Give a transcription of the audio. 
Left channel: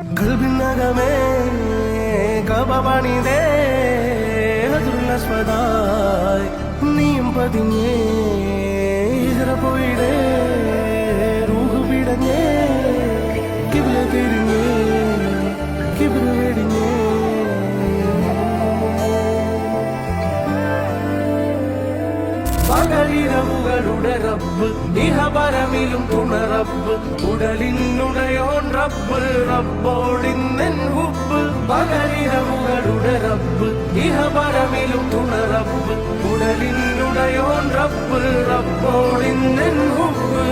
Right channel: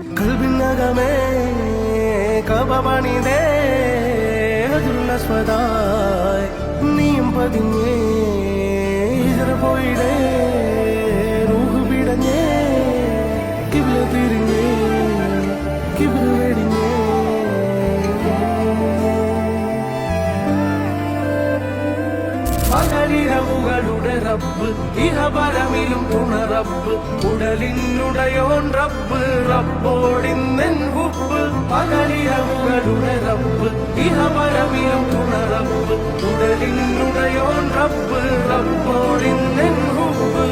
കൽബിനകമേ കബപണിതേ ഹജറുൽ നീയും പതിഞ്ഞേ ഹിജറ പോയിടേ റൂഹ് പിടഞ്ഞേ കിബ്ല തിരിഞ്ഞേ കിബ്ര വെടിഞ്ഞേ പകലിരവുകളുടെ റബ്ബ് ഇഹപരമിലും തുണ റബ്ബ് ഉടലിനുടയോൻ റബ്ബ് റബ്ബോടിന്നെൻ ഹുബ്ബ് പകലിരവുകളുടെ റബ്ബ് ഇഹപരമിലും തുണ റബ്ബ് ഉടലിനുടയോൻ റബ്ബ് റബ്ബോടിന്നെൻ ഹുബ്ബ്